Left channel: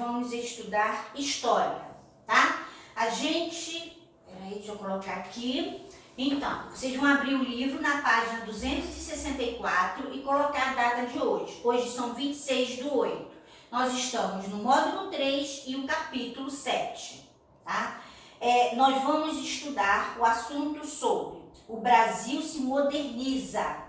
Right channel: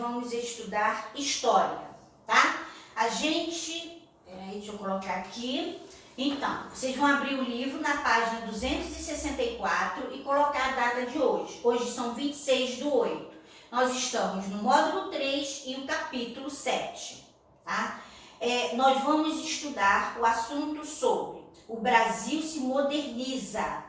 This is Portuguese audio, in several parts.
vamos estudar história, tá? Peraí, deixa eu colocar aqui. Então, vocês vão abrir o livro na página 264 e colocar a data de hoje. Hoje são 26/8. Nós estamos no módulo 3 e o capítulo 7, tá? Nós vamos estudar o assunto sobre o Brasil se moderniza.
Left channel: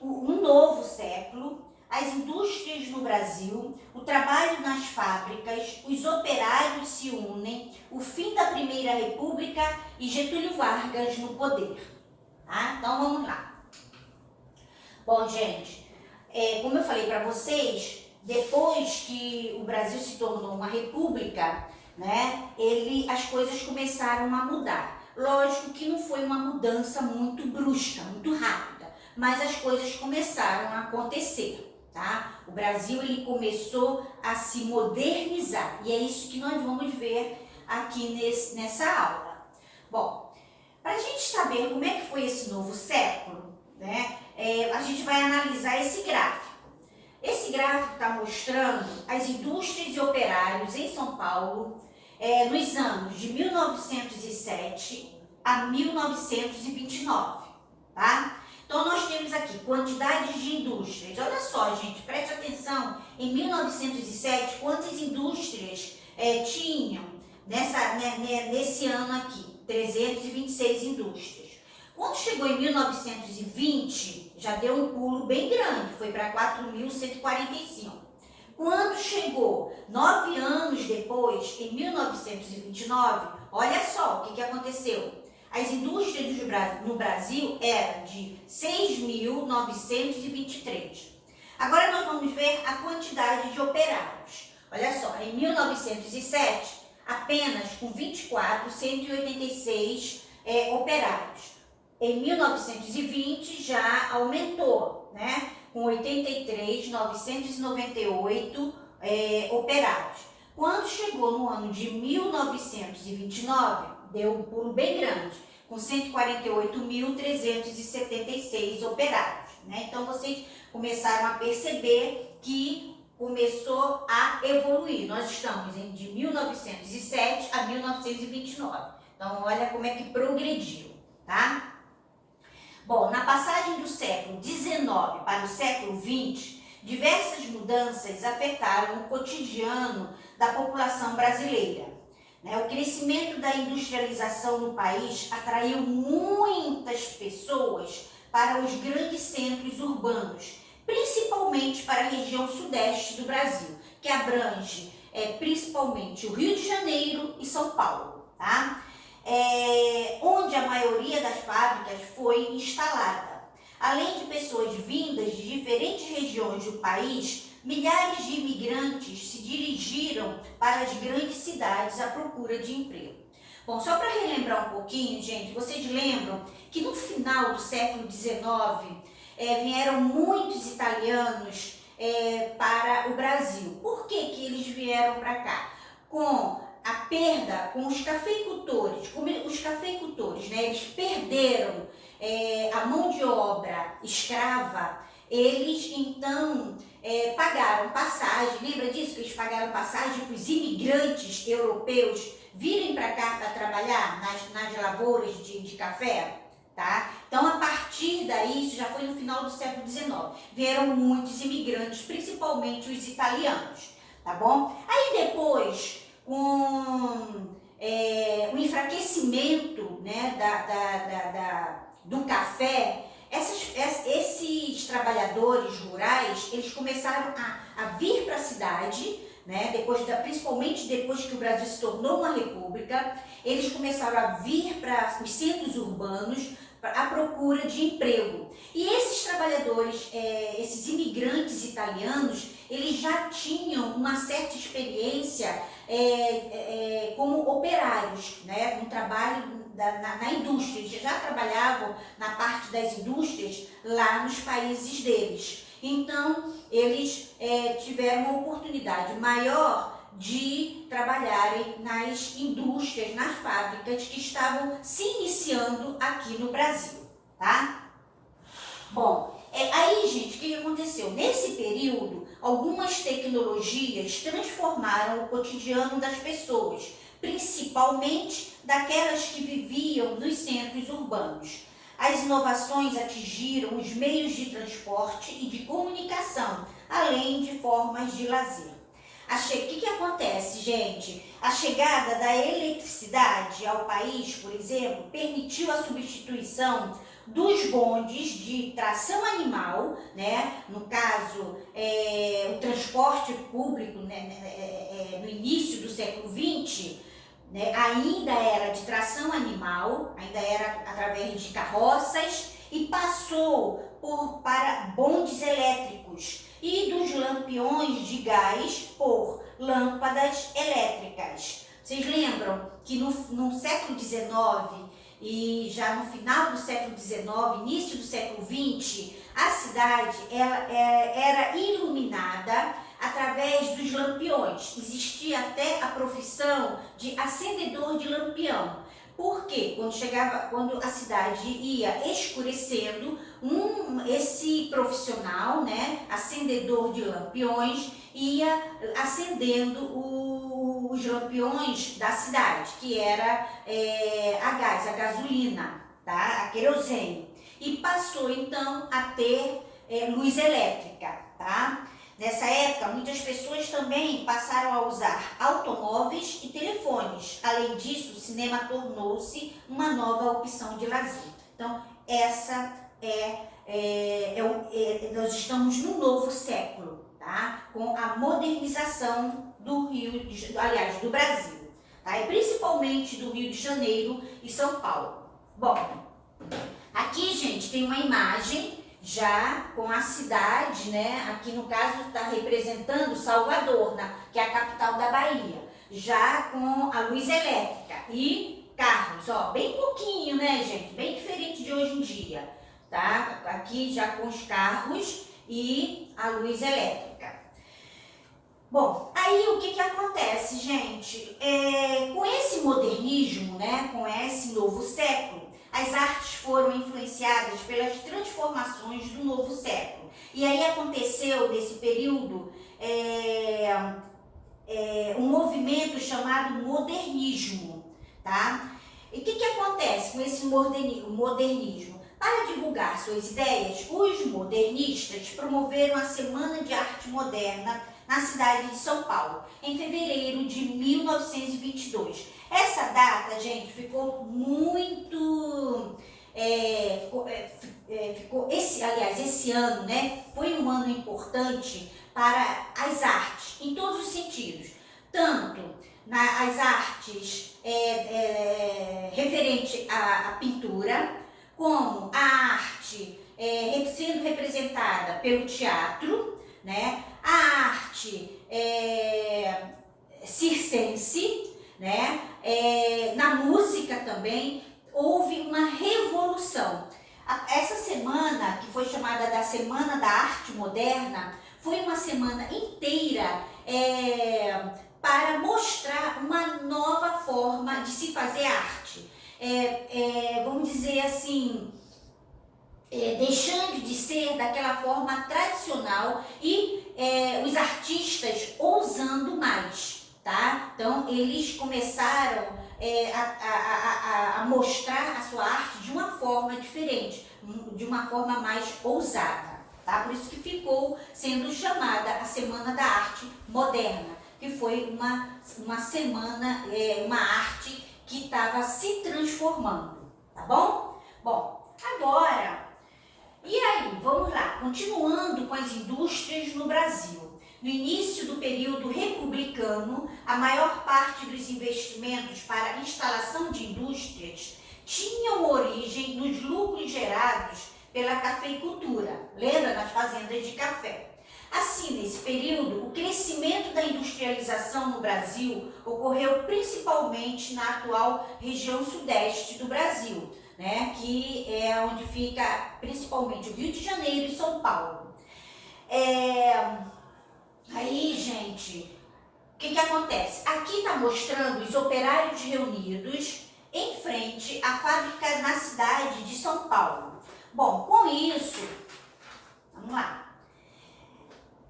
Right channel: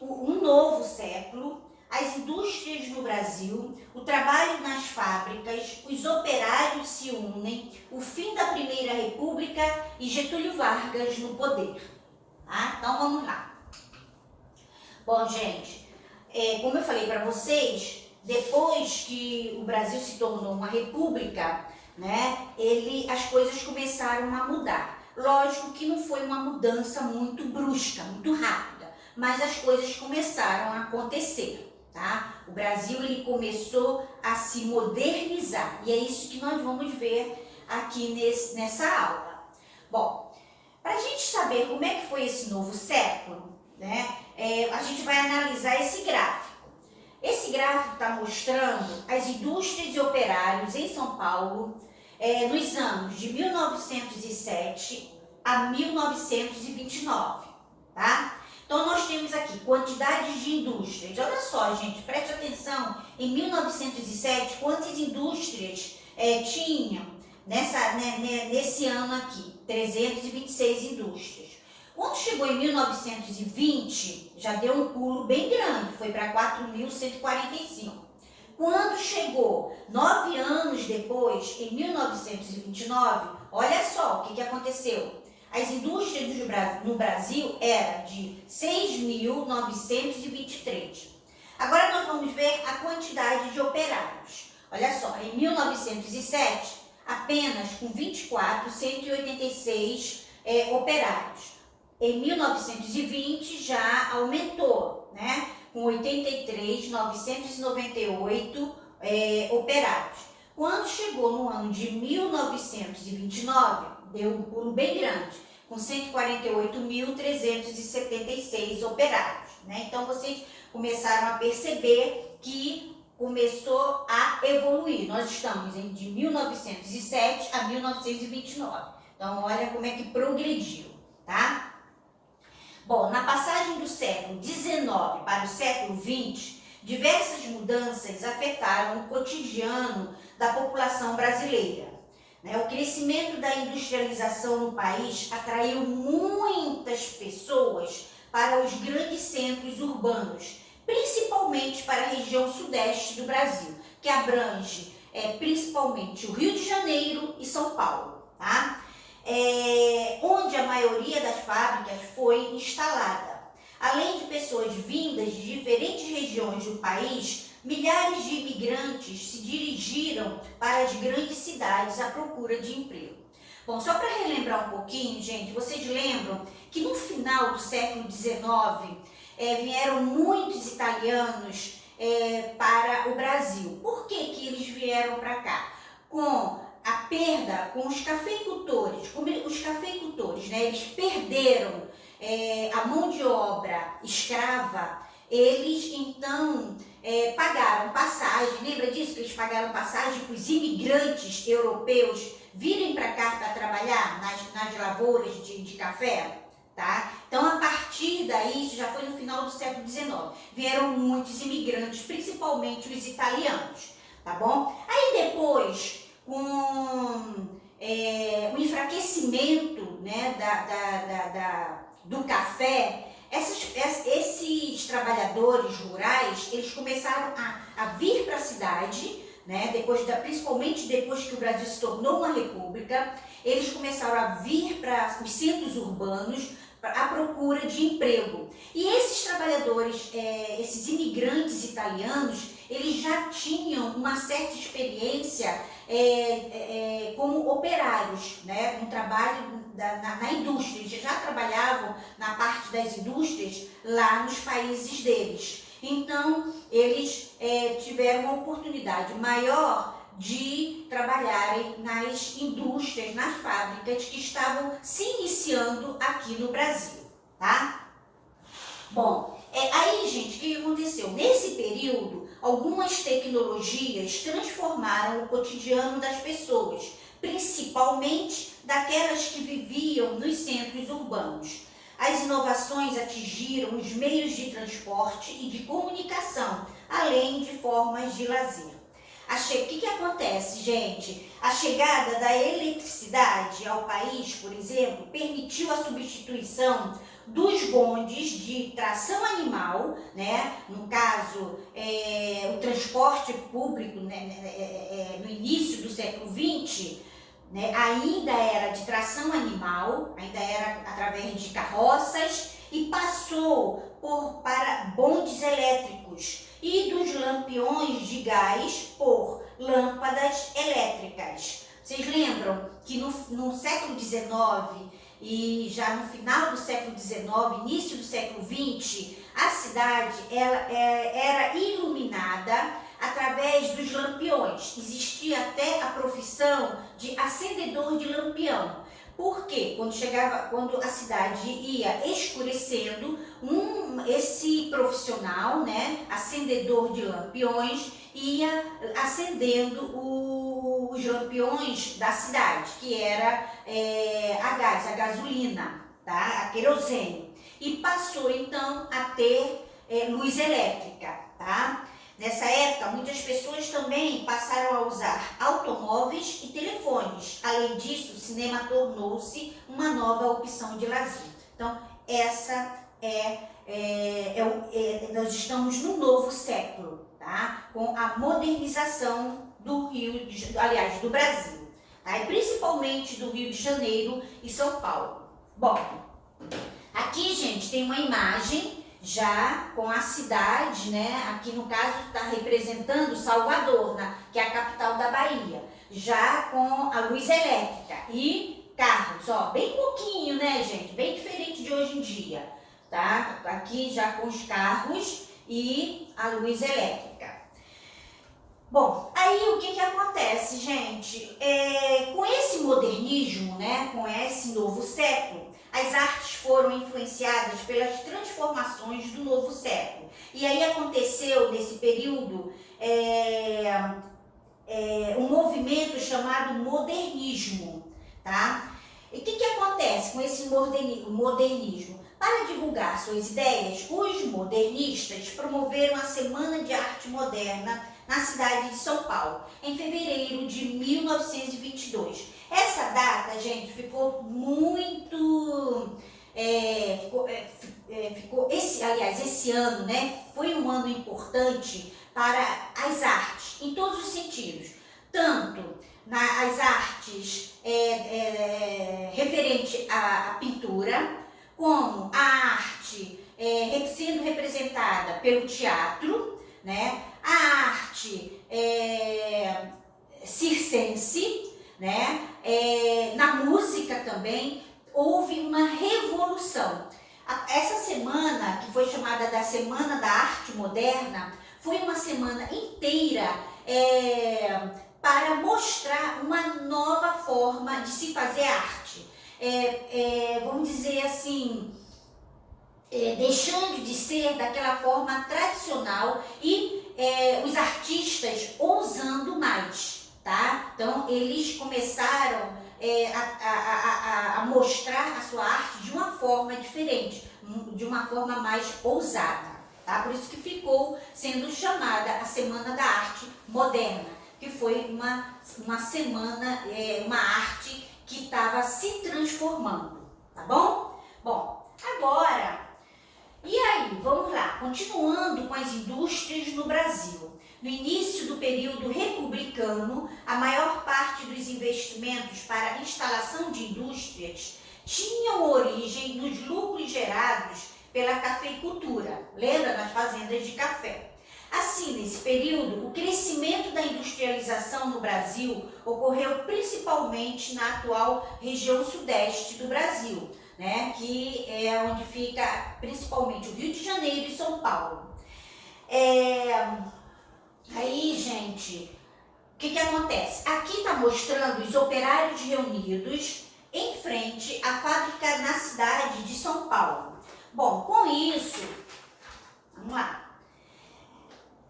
Um novo século, as indústrias no Brasil, o trabalho nas fábricas, os operários se unem, o fim da Primeira República e Getúlio Vargas no poder. Tá? Então vamos lá. Bom, gente, como eu falei para vocês, depois que o Brasil se tornou uma república, né, as coisas começaram a mudar. Lógico que não foi uma mudança muito brusca, muito rápida, mas as coisas começaram a acontecer. Tá? O Brasil ele começou a se modernizar e é isso que nós vamos ver aqui nessa aula. Bom, para a gente saber como é que foi esse novo século, né, a gente vai analisar esse gráfico. Esse gráfico está mostrando as indústrias e operários em São Paulo nos anos de 1907 a 1929, tá? Então, nós temos aqui quantidades de indústrias. Olha só, gente, preste atenção. Em 1907, quantas indústrias tinham nesse ano aqui? 326 indústrias. Quando chegou em 1920, já deu um pulo bem grande, foi para 4.145. Quando chegou 9 anos depois, em 1929, olha só o que aconteceu. As indústrias no Brasil eram de 6.923. Agora nós vamos ver a quantidade de operários. Olha só, em 1907, apenas com 24.186 operários. Em 1920 já aumentou, né, com 83.998 operários. Quando chegou no ano de 1929, deu um pulo bem grande, com 148.376 operários, né? Então, vocês começaram a perceber que começou a evoluir. Nós estamos de 1907 a 1929. Então, olha como é que progrediu, tá? Bom, na passagem do século XIX para o século XX, diversas mudanças afetaram o cotidiano da população brasileira. O crescimento da industrialização no país atraiu muitas pessoas para os grandes centros urbanos, principalmente para a região sudeste do Brasil, que abrange principalmente o Rio de Janeiro e São Paulo, tá? Onde a maioria das fábricas foi instalada. Além de pessoas vindas de diferentes regiões do país, milhares de imigrantes se dirigiram para as grandes cidades à procura de emprego. Bom, só para relembrar um pouquinho, gente, vocês lembram que no final do século XIX vieram muitos italianos para o Brasil. Por que eles vieram para cá? Com a perda, com os cafeicultores, né, eles perderam a mão de obra escrava, eles então pagaram passagem. Lembra disso? Que eles pagaram passagem para os imigrantes europeus virem para cá para trabalhar nas lavouras de café, tá? Então, a partir daí, isso já foi no final do século XIX, vieram muitos imigrantes, principalmente os italianos, tá bom? Aí depois, com o enfraquecimento, né, do café, esses trabalhadores rurais, eles começaram a vir para a cidade, né, principalmente depois que o Brasil se tornou uma república, eles começaram a vir para os centros urbanos à procura de emprego. E esses trabalhadores, esses imigrantes italianos, eles já tinham uma certa experiência como operários, né, um trabalho na indústria. Eles já trabalhavam na parte das indústrias lá nos países deles. Então, eles tiveram uma oportunidade maior de trabalharem nas indústrias, nas fábricas que estavam se iniciando aqui no Brasil, tá? Bom, Aí, gente, o que aconteceu? Nesse período, algumas tecnologias transformaram o cotidiano das pessoas, principalmente daquelas que viviam nos centros urbanos. As inovações atingiram os meios de transporte e de comunicação, além de formas de lazer. O que acontece, gente? A chegada da eletricidade ao país, por exemplo, permitiu a substituição dos bondes de tração animal, né? No caso, o transporte público, né? No início do século XX, né? Ainda era de tração animal, ainda era através de carroças e passou para bondes elétricos e dos lampiões de gás por lâmpadas elétricas. Vocês lembram que no século XIX e já no final do século XIX, início do século XX, a cidade era iluminada através dos lampiões. Existia até a profissão de acendedor de lampião. Por quê? Quando a cidade ia escurecendo, esse profissional, né, acendedor de lampiões, ia acendendo os lampiões da cidade, que era a gasolina, tá? A querosene. E passou então a ter luz elétrica, tá? Nessa época, muitas pessoas também passaram a usar automóveis e telefones. Além disso, o cinema tornou-se uma nova opção de lazer. Então, nós estamos no novo século, tá? Com a modernização do Brasil, tá? E principalmente do Rio de Janeiro e São Paulo. Bom, aqui, gente, tem uma imagem já com a cidade, né? Aqui no caso está representando Salvador, que é a capital da Bahia, já com a luz elétrica e carros, ó, bem pouquinho, né, gente? Bem diferente de hoje em dia, tá? Aqui já com os carros e a luz elétrica. Bom, aí o que acontece, gente? Com esse modernismo, né, com esse novo século, as artes foram influenciadas pelas transformações do novo século. E aí aconteceu, nesse período, um movimento chamado modernismo, tá? E o que acontece com esse modernismo? Para divulgar suas ideias, os modernistas promoveram a Semana de Arte Moderna na cidade de São Paulo, em fevereiro de 1922. Essa data, gente, ficou muito... esse ano, né, foi um ano importante para as artes, em todos os sentidos. Tanto as artes referente à pintura, como a arte sendo representada pelo teatro, né, a arte circense, né, na música também, houve uma revolução. Essa semana, que foi chamada da Semana da Arte Moderna, foi uma semana inteira para mostrar uma nova forma de se fazer arte. Vamos dizer assim, deixando de ser daquela forma tradicional e os artistas ousando mais, tá? Então, eles começaram a mostrar a sua arte de uma forma diferente, de uma forma mais ousada, tá? Por isso que ficou sendo chamada a Semana da Arte Moderna, que foi uma semana, uma arte que estava se transformando, tá bom? Bom, agora, e aí, vamos lá, continuando com as indústrias no Brasil. No início do período republicano, a maior parte dos investimentos para a instalação de indústrias tinham origem nos lucros gerados pela cafeicultura, lembra, das fazendas de café. Assim, nesse período, o crescimento da industrialização no Brasil ocorreu principalmente na atual região sudeste do Brasil, né, que é onde fica principalmente o Rio de Janeiro e São Paulo. Aí, gente, o que acontece? Aqui está mostrando os operários reunidos em frente à fábrica na cidade de São Paulo. Bom, com isso, Vamos lá.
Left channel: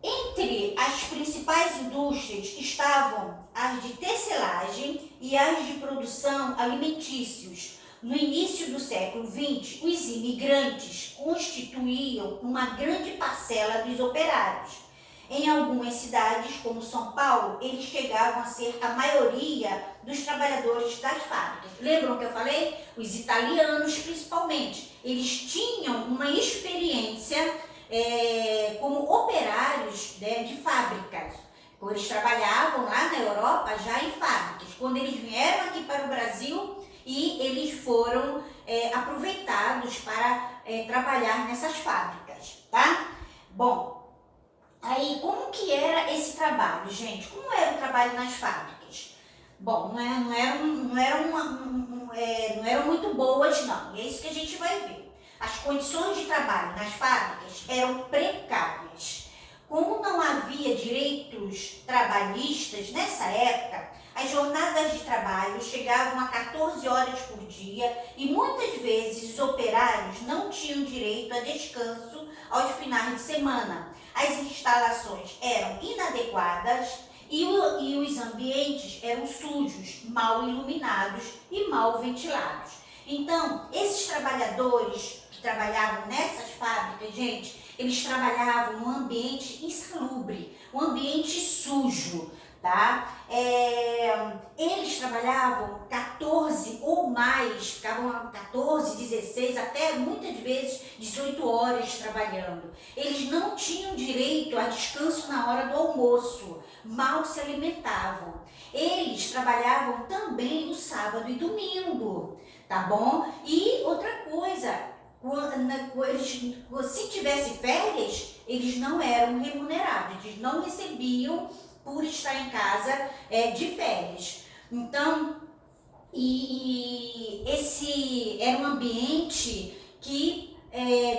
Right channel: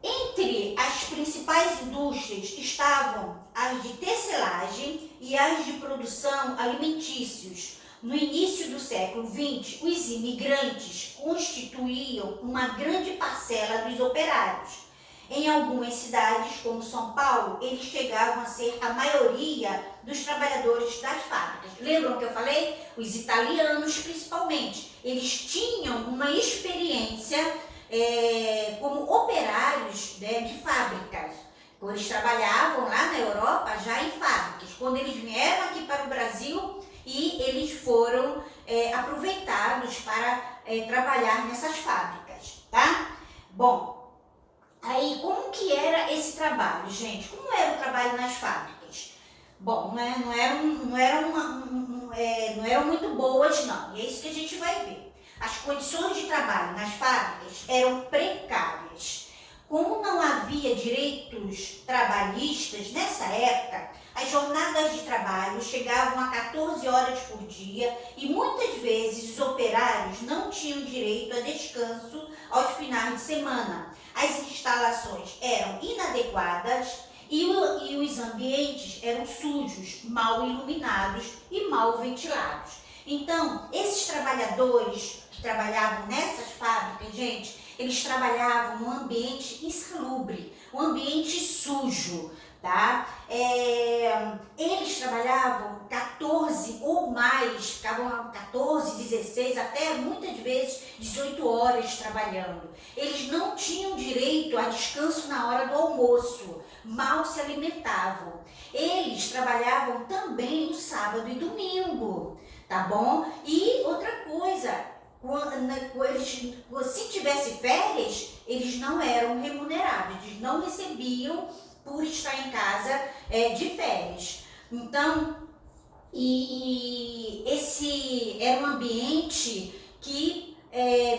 Entre as principais indústrias estavam as de tecelagem e as de produção alimentícios. No início do século XX, os imigrantes constituíam uma grande parcela dos operários. Em algumas cidades, como São Paulo, eles chegavam a ser a maioria dos trabalhadores das fábricas. Lembram que eu falei? Os italianos, principalmente, eles tinham uma experiência como operários, né, de fábricas. Eles trabalhavam lá na Europa já em fábricas. Quando eles vieram aqui para o Brasil e eles foram aproveitados para trabalhar nessas fábricas, tá? Bom, aí como que era esse trabalho, gente? Como era o trabalho nas fábricas? Bom, não eram muito boas, não. E é isso que a gente vai ver. As condições de trabalho nas fábricas eram precárias. Como não havia direitos trabalhistas nessa época, as jornadas de trabalho chegavam a 14 horas por dia e muitas vezes os operários não tinham direito a descanso aos finais de semana. As instalações eram inadequadas e os ambientes eram sujos, mal iluminados e mal ventilados. Então, esses trabalhadores que trabalhavam nessas fábricas, gente, eles trabalhavam num ambiente insalubre, um ambiente sujo, tá? Eles trabalhavam 14 ou mais, ficavam 14, 16, até muitas vezes 18 horas trabalhando. Eles não tinham direito a descanso na hora do almoço, mal se alimentavam. Eles trabalhavam também no sábado e domingo, tá bom? E outra coisa, se tivesse férias, eles não eram remunerados, eles não recebiam por estar em casa de férias. Então, esse era um ambiente que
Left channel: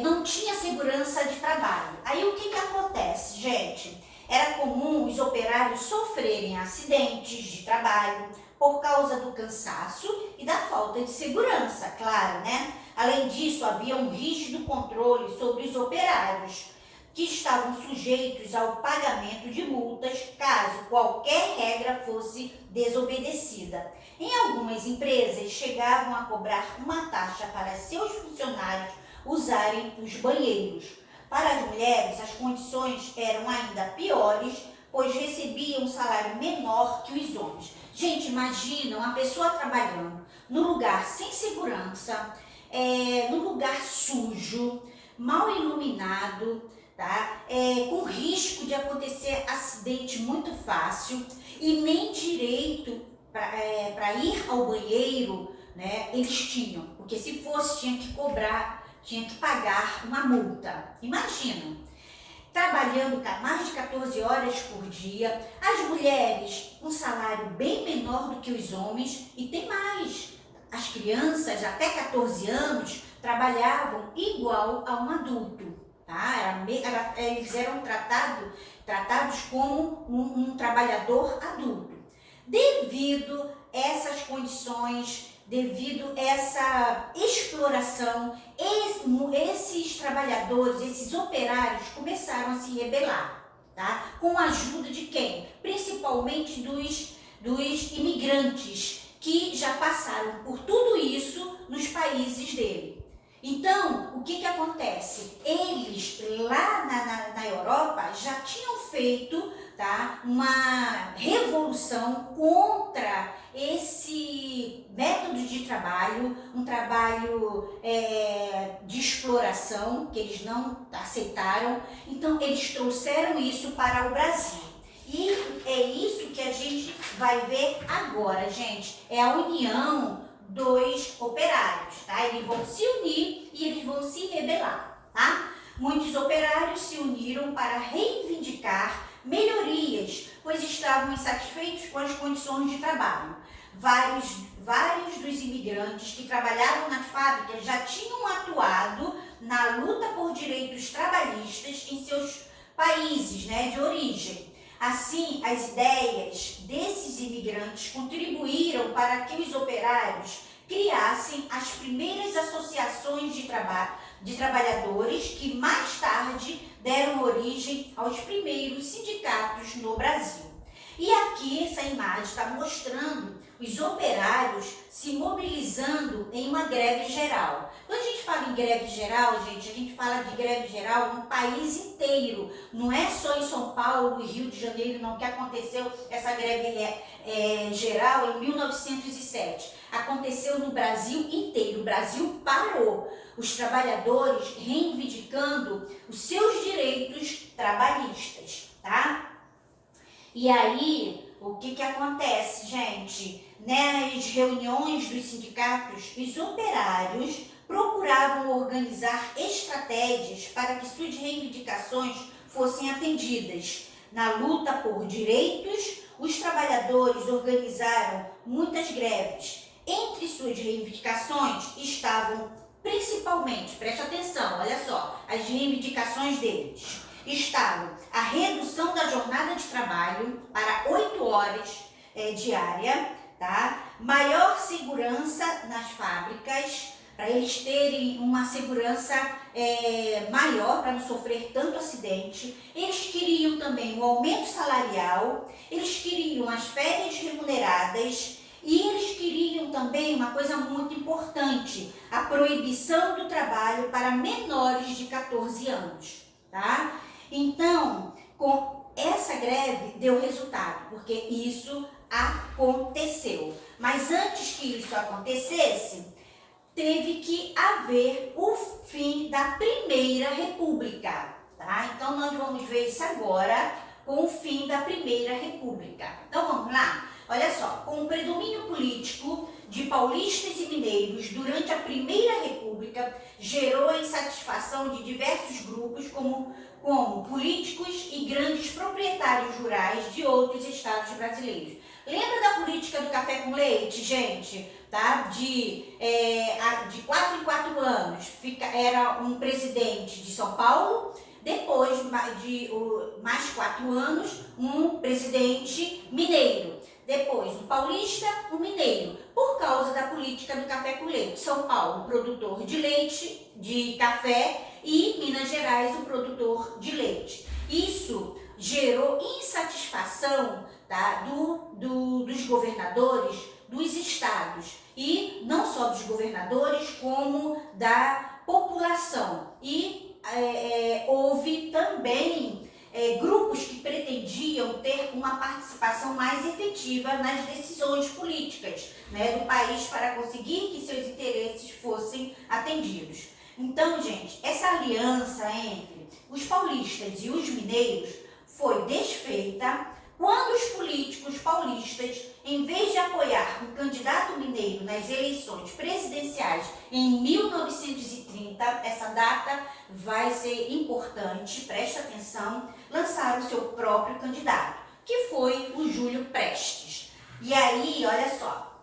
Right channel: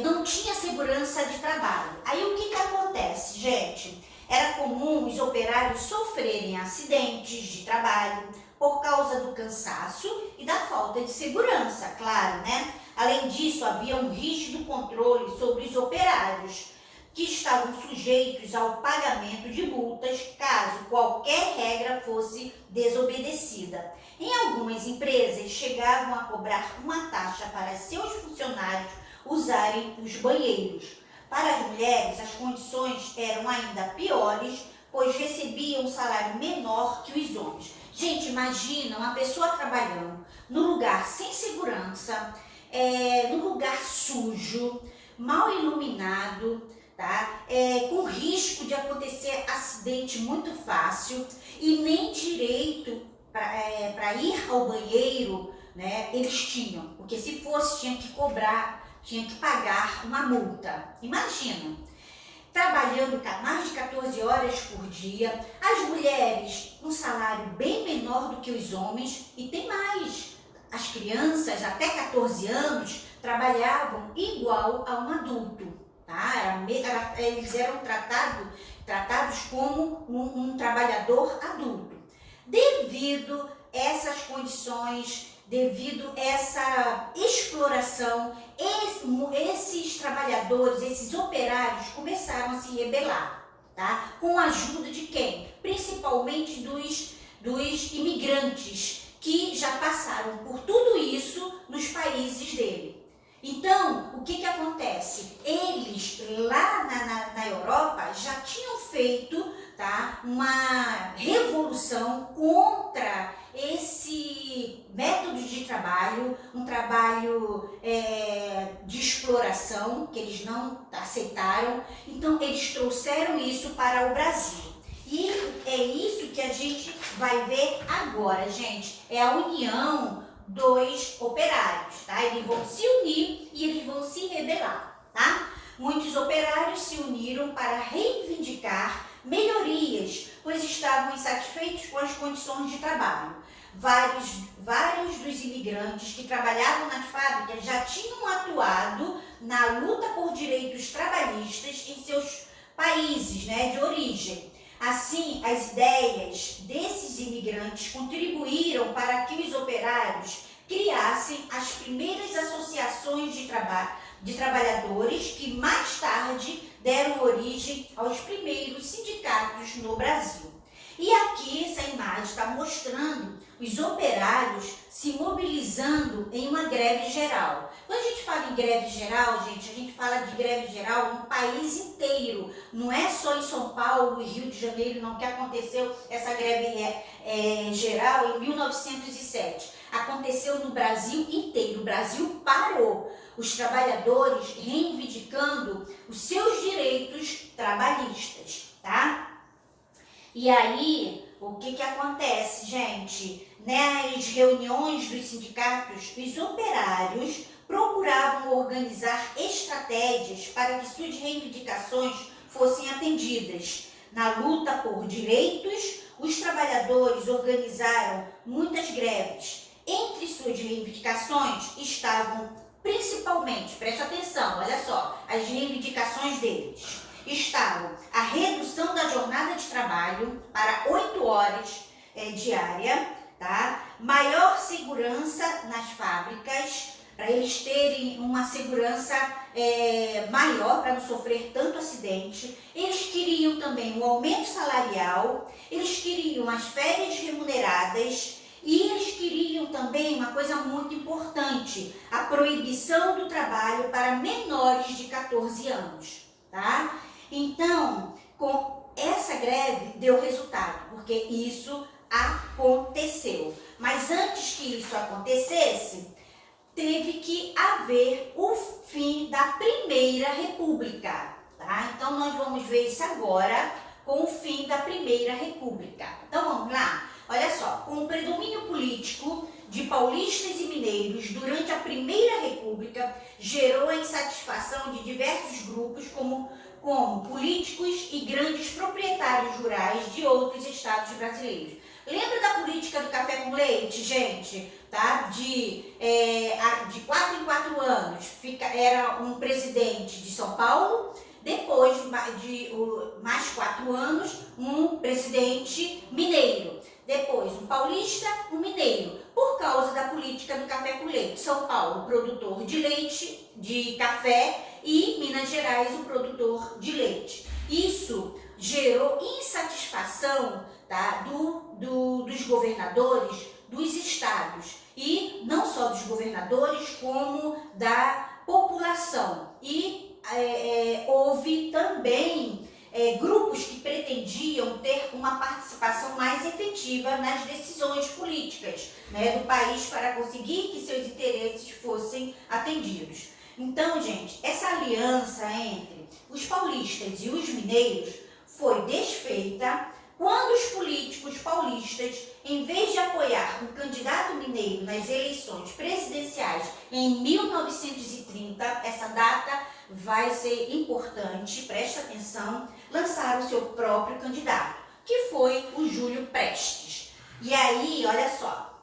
não tinha segurança de trabalho. Aí o que acontece, gente? Era comum os operários sofrerem acidentes de trabalho por causa do cansaço e da falta de segurança, claro, né? Além disso, havia um rígido controle sobre os operários, que estavam sujeitos ao pagamento de multas caso qualquer regra fosse desobedecida. Em algumas empresas, chegavam a cobrar uma taxa para seus funcionários usarem os banheiros. Para as mulheres, as condições eram ainda piores, pois recebiam um salário menor que os homens. Gente, imagina uma pessoa trabalhando num lugar sem segurança, num lugar sujo, mal iluminado, tá? Com risco de acontecer acidente muito fácil e nem direito para ir ao banheiro, né, eles tinham, porque se fosse tinha que pagar uma multa. Imagina, trabalhando mais de 14 horas por dia, as mulheres um salário bem menor do que os homens e tem mais. As crianças até 14 anos trabalhavam igual a um adulto, tá? Eles eram tratados como um trabalhador adulto. Devido a essas condições, devido a essa exploração, esses trabalhadores, esses operários começaram a se rebelar, tá? Com a ajuda de quem? Principalmente dos imigrantes que já passaram por tudo isso nos países dele. Então, o que acontece? Eles lá na Europa já tinham feito, tá, uma revolução contra esse método de trabalho, um trabalho de exploração que eles não aceitaram. Então, eles trouxeram isso para o Brasil. E é isso que a gente vai ver agora, gente. É a união dos operários, tá? Eles vão se unir e eles vão se rebelar, tá? Muitos operários se uniram para reivindicar melhorias, pois estavam insatisfeitos com as condições de trabalho. Vários dos imigrantes que trabalhavam nas fábricas já tinham atuado na luta por direitos trabalhistas em seus países, né, de origem. Assim, as ideias desses imigrantes contribuíram para que os operários criassem as primeiras associações de de trabalhadores que mais tarde deram origem aos primeiros sindicatos no Brasil. E aqui essa imagem está mostrando os operários se mobilizando em uma greve geral. Quando a gente fala em greve geral, gente, a gente fala de greve geral no país inteiro. Não é só em São Paulo e Rio de Janeiro, não, que aconteceu essa greve geral em 1907. Aconteceu no Brasil inteiro. O Brasil parou. Os trabalhadores reivindicando os seus direitos trabalhistas, tá? E aí, o que acontece, gente? Nas reuniões dos sindicatos, os operários procuravam organizar estratégias para que suas reivindicações fossem atendidas. Na luta por direitos, os trabalhadores organizaram muitas greves. Entre suas reivindicações estavam principalmente, preste atenção, olha só, as reivindicações deles. Estavam a redução da jornada de trabalho para 8 horas diária, tá? Maior segurança nas fábricas, para eles terem uma segurança maior, para não sofrer tanto acidente. Eles queriam também um aumento salarial, eles queriam as férias remuneradas e eles queriam também uma coisa muito importante, a proibição do trabalho para menores de 14 anos, tá? Então, com essa greve deu resultado, porque isso aconteceu. Mas antes que isso acontecesse, teve que haver o fim da Primeira República, tá? Então, nós vamos ver isso agora com o fim da Primeira República. Então, vamos lá? Olha só, com o predomínio político de paulistas e mineiros durante a Primeira República, gerou a insatisfação de diversos grupos, como políticos e grandes proprietários rurais de outros estados brasileiros. Lembra da política do café com leite, gente? Tá? De 4 em 4 anos, era um presidente de São Paulo, depois de mais 4 anos, um presidente mineiro. Depois, um paulista, um mineiro, por causa da política do café com leite. São Paulo, produtor de leite, de café, e Minas Gerais, o produtor de leite. Isso gerou insatisfação, tá, dos governadores dos estados, e não só dos governadores, como da população. E houve também grupos que pretendiam ter uma participação mais efetiva nas decisões políticas, né, do país, para conseguir que seus interesses fossem atendidos. Então, gente, essa aliança entre os paulistas e os mineiros foi desfeita quando os políticos paulistas, em vez de apoiar um candidato mineiro nas eleições presidenciais em 1930, essa data vai ser importante, preste atenção, lançaram o seu próprio candidato, que foi o Júlio Prestes. E aí, olha só,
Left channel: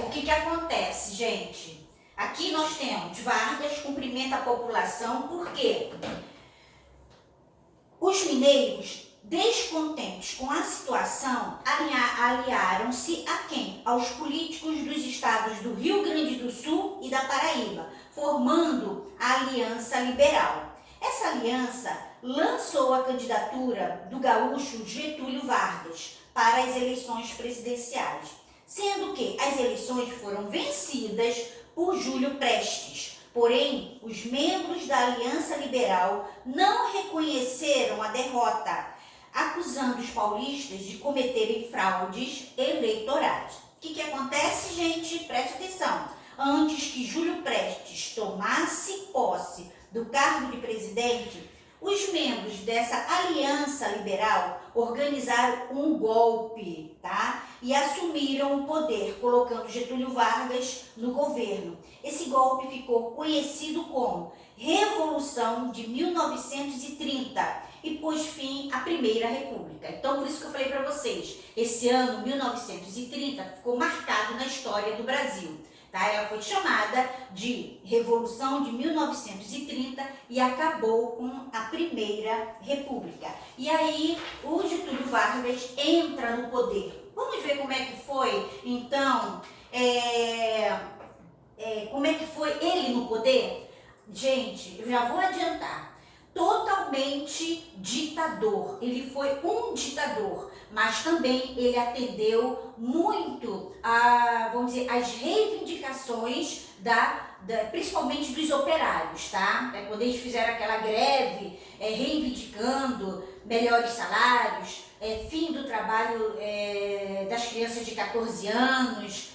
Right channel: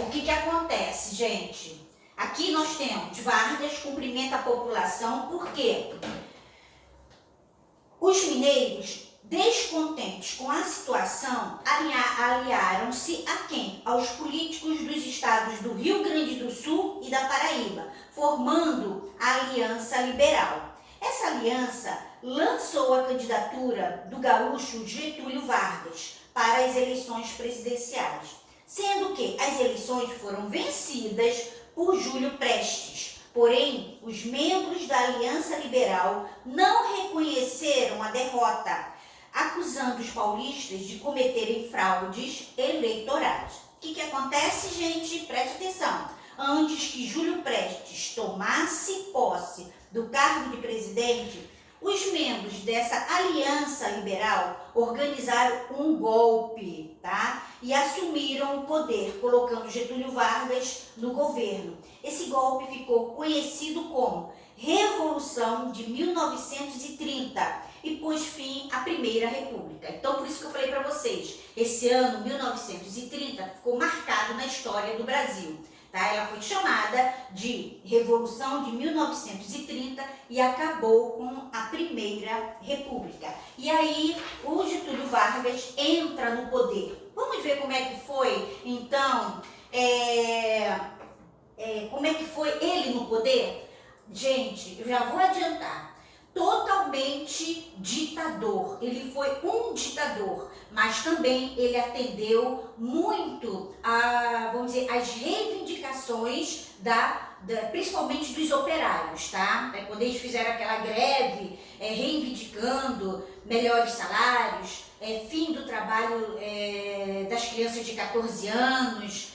o que acontece, gente? Aqui nós temos Vargas cumprimenta a população, porque os mineiros, descontentes com a situação, aliaram-se a quem? Aos políticos dos estados do Rio Grande do Sul e da Paraíba, formando a Aliança Liberal. Essa aliança lançou a candidatura do gaúcho Getúlio Vargas para as eleições presidenciais, sendo que as eleições foram vencidas por Júlio Prestes. Porém, os membros da Aliança Liberal não reconheceram a derrota, acusando os paulistas de cometerem fraudes eleitorais. O que acontece, gente? Preste atenção. Antes que Júlio Prestes tomasse posse do cargo de presidente, os membros dessa aliança liberal organizaram um golpe, tá? E assumiram o poder, colocando Getúlio Vargas no governo. Esse golpe ficou conhecido como Revolução de 1930 e pôs fim à Primeira República. Então, por isso que eu falei para vocês, esse ano, 1930, ficou marcado na história do Brasil. Tá? Ela foi chamada de Revolução de 1930 e acabou com a Primeira República. E aí o Getúlio Vargas entra no poder. Vamos ver como é que foi, então, como é que foi ele no poder? Gente, eu já vou adiantar. Totalmente ditador. Ele foi um ditador, mas também ele atendeu muito a, vamos dizer, as reivindicações principalmente dos operários, tá? Quando eles fizeram aquela greve, reivindicando melhores salários, fim do trabalho das crianças de 14 anos,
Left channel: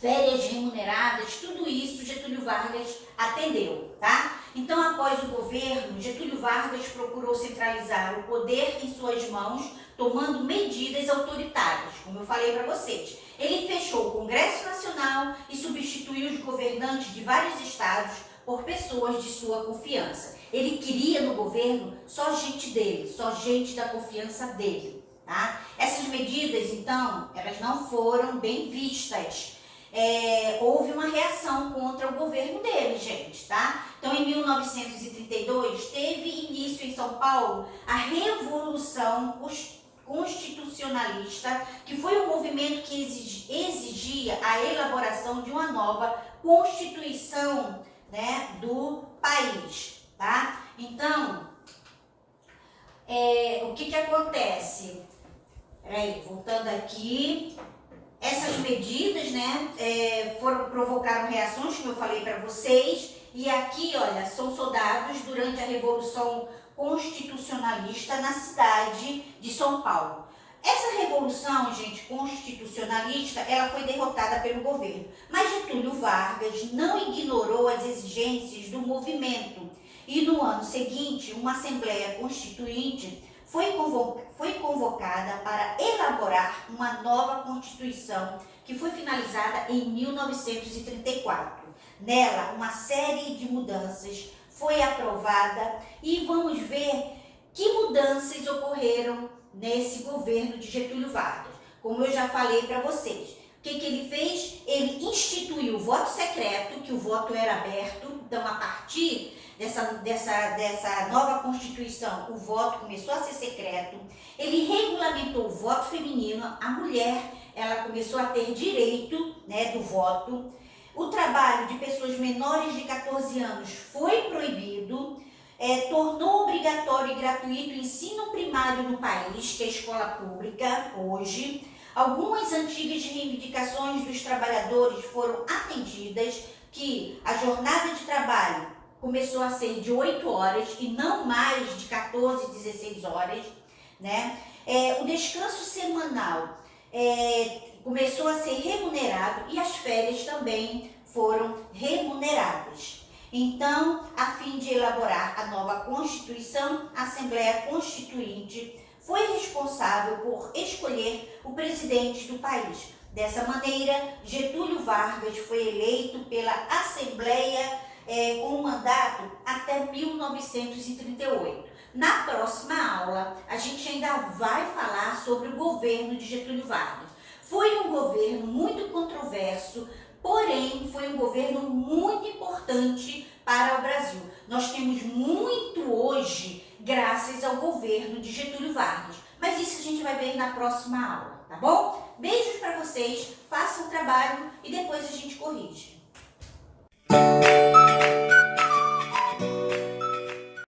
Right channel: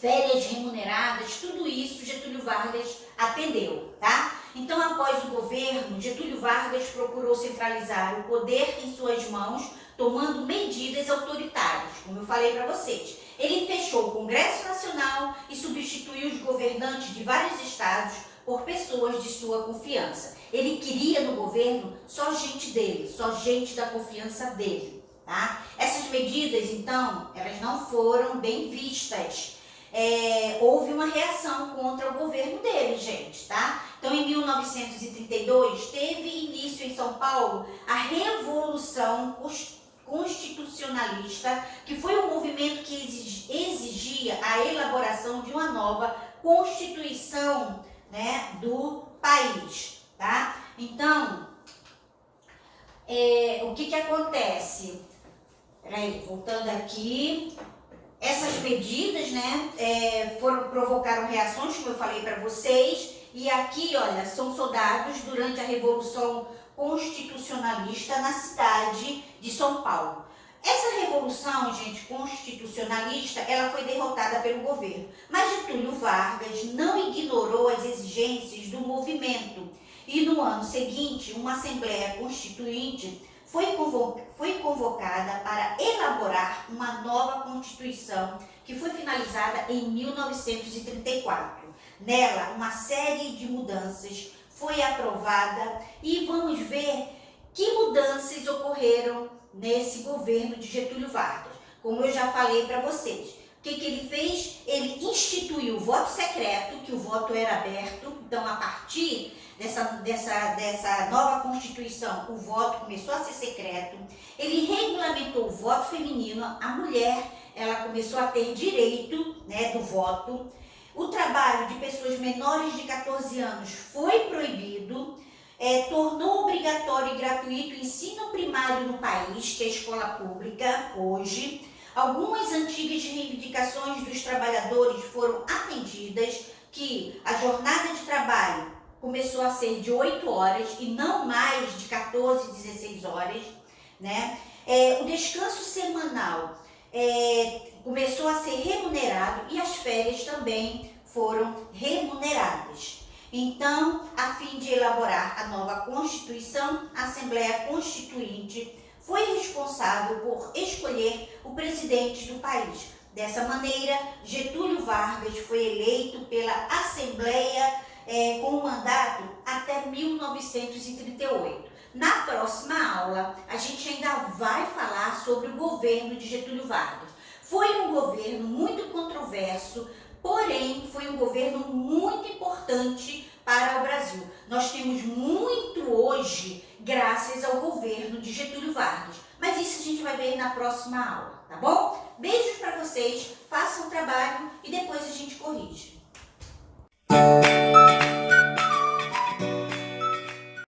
férias remuneradas, tudo isso Getúlio Vargas atendeu, tá? Então, após o governo, Getúlio Vargas procurou centralizar o poder em suas mãos, tomando medidas autoritárias, como eu falei para vocês. Ele fechou o Congresso Nacional e substituiu os governantes de vários estados por pessoas de sua confiança. Ele queria no governo só gente dele, só gente da confiança dele, tá? Essas medidas, então, elas não foram bem vistas. Houve uma reação contra o governo dele, gente, tá? Então, em 1932, teve início em São Paulo a Revolução Constitucionalista, que foi um movimento que exigia a elaboração de uma nova Constituição, né, do país, tá? Então, o que acontece? Peraí, voltando aqui. Essas medidas, né, provocaram reações, como eu falei para vocês, e aqui, olha, são soldados durante a Revolução Constitucionalista na cidade de São Paulo. Essa revolução, gente, constitucionalista, ela foi derrotada pelo governo, mas Getúlio Vargas não ignorou as exigências do movimento e no ano seguinte, uma Assembleia Constituinte foi convocada para elaborar uma nova Constituição que foi finalizada em 1934. Nela, uma série de mudanças foi aprovada e vamos ver que mudanças ocorreram nesse governo de Getúlio Vargas. Como eu já falei para vocês, o que ele fez? Ele instituiu o voto secreto, que o voto era aberto, então a partir dessa nova Constituição, o voto começou a ser secreto. Ele regulamentou o voto feminino, a mulher, ela começou a ter direito, né, do voto. O trabalho de pessoas menores de 14 anos foi proibido, tornou obrigatório e gratuito o ensino primário no país, que é a escola pública hoje. Algumas antigas reivindicações dos trabalhadores foram atendidas, que a jornada de trabalho começou a ser de 8 horas e não mais de 14, 16 horas, né? O descanso semanal começou a ser remunerado e as férias também foram remuneradas. Então, a fim de elaborar a nova Constituição, a Assembleia Constituinte foi responsável por escolher o presidente do país. Dessa maneira, Getúlio Vargas foi eleito pela Assembleia com um mandato até 1938. Na próxima aula, a gente ainda vai falar sobre o governo de Getúlio Vargas. Foi um governo muito controverso, porém foi um governo muito importante para o Brasil. Nós temos muito hoje graças ao governo de Getúlio Vargas, mas isso a gente vai ver na próxima aula, tá bom? Beijos para vocês, façam o trabalho e depois a gente corrige.